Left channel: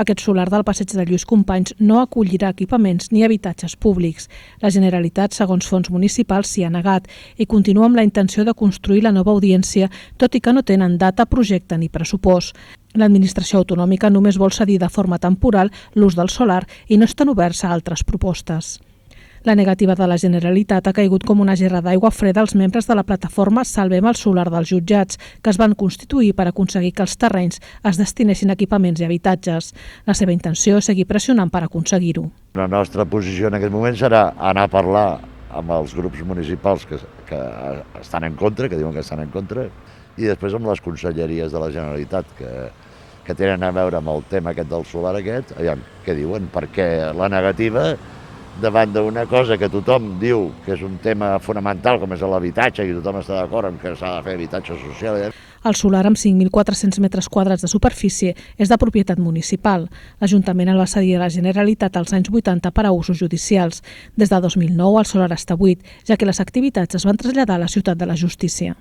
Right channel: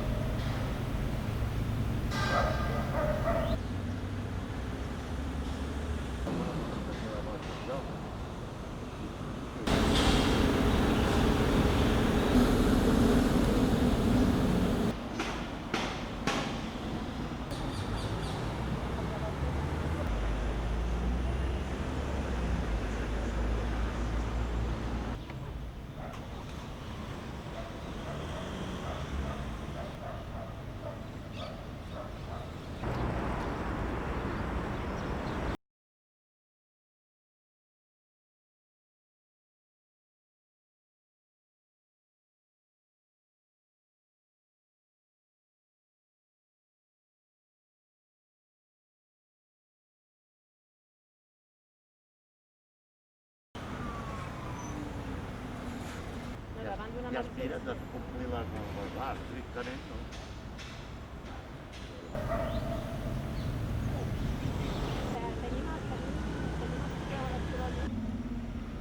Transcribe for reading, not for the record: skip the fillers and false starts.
Aquest solar del passeig de Lluís Companys no acollirà equipaments ni habitatges públics. La Generalitat, segons fons municipals, s'hi ha negat i continua amb la intenció de construir la nova audiència, tot i que no tenen data, projecte ni pressupost. L'administració autonòmica només vol cedir de forma temporal l'ús del solar i no estan oberts a altres propostes. La negativa de la Generalitat ha caigut com una gerra d'aigua freda als membres de la plataforma Salvem el Solar dels Jutjats, que es van constituir per aconseguir que els terrenys es destinessin a equipaments i habitatges. La seva intenció és seguir pressionant per aconseguir-ho. La nostra posició en aquest moment serà anar a parlar amb els grups municipals que estan en contra, que diuen que estan en contra, i després amb les conselleries de la Generalitat que tenen a veure amb el tema aquest del solar aquest, aviam què diuen, perquè la negativa davant d'una cosa que tothom diu que és un tema fonamental com és l'habitatge i tothom està d'acord en que s'ha de fer habitatge social. El solar amb 5.400 metres quadrats de superfície és de propietat municipal. L'Ajuntament el va cedir a la Generalitat als anys 80 per a usos judicials. Des de 2009 el solar està buit, ja que les activitats es van traslladar a la Ciutat de la Justícia.